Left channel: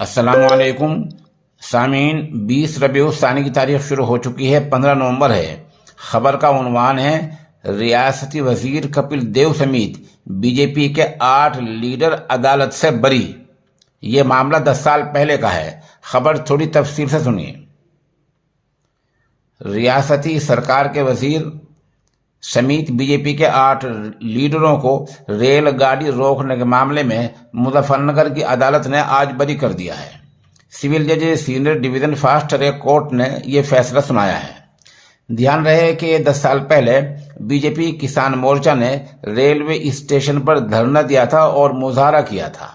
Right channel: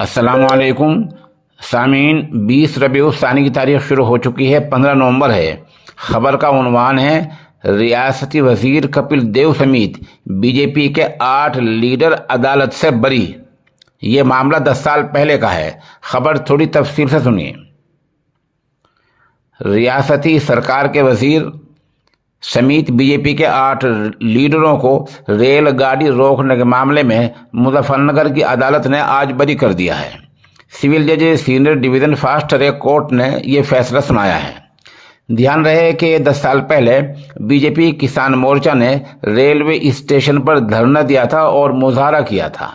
السلام علیکم سامعین، 20 ربیع الثانی کی تاریخ شروع ہو چکی ہے، 15 نومبر ہے۔ خبر کا عنوان ہے ریاستی وزیر کپل دیو سمیت بی جے پی کے 8 لیڈر عدالت سے بری۔ یہ معاملہ 10 سال پہلے کا ہے۔ خبر تھوڑی تفصیل سے سنیے۔ ریاستی سرکار کے وزیر سمیت بی جے پی کے 8 لیڈروں کو ریل گاڑی روکنے کے معاملے میں مظفر نگر کی عدالت نے آج بری کر دیا ہے۔ سول جج senior division fast track court نے یہ فیصلہ سنایا ہے۔ دھیان رہے کہ 10 سال پہلے بی جے پی کسان مورچہ نے ریلوے اسٹیشن پر دھرنا دیا تھا اور مظاہرہ کیا تھا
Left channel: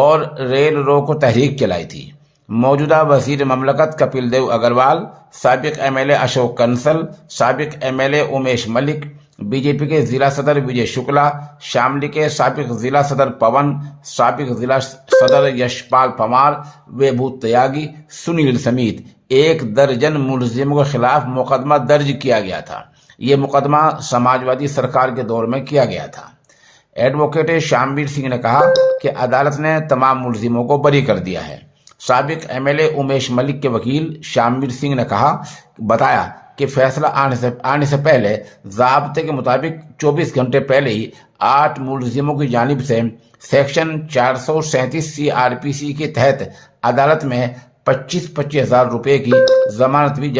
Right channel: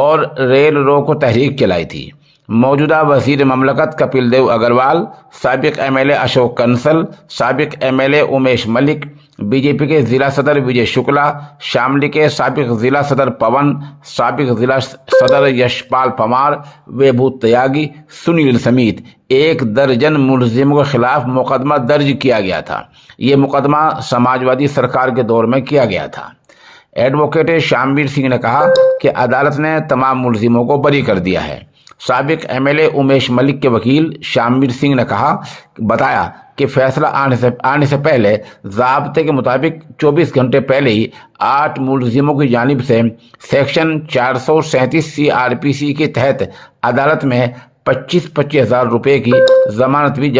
اور ریل روکو تحریک چلائی تھی۔ موجودہ وزیر مملکت کپل دیو اگروال، سابق M L A Ashok Kansal, سابق M L A Umesh Malik, B J P کے ضلع صدر وجے شکلا، شاملی کے سابق ضلع صدر پون، سابق ضلع صدر یشپال پوار، ویبھوت تیاگی، سنیل سمیت 1 درجن ملزموں کے خلاف مقدمہ درج کیا گیا تھا۔ یہ مقدمہ سماجوادی سرکار کے دور میں کیا گیا تھا۔ ایڈوکیٹ شامویر سنگھ نے کہا کہ عدالت نے تمام ملزموں کو بری کر دیا ہے۔ سابق ایم ایل اے امیش ملک کے وکیل شامویر سنگھ نے بتایا کہ فیصلہ آنے سے پہلے ضابطے کے مطابق 24 گھنٹے پہلے ہی 8 ملزموں کی جانب سے سیکشن 437 CRPC کے تحت عدالت میں 25,000 ہزار روپے کی ضمانت بھی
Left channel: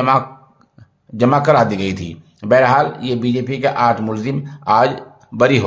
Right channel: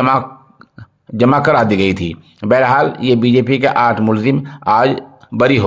جمع کرا دی گئی تھی۔ بہرحال یہ بی جے پی کے 8 ملزم آج بری ہو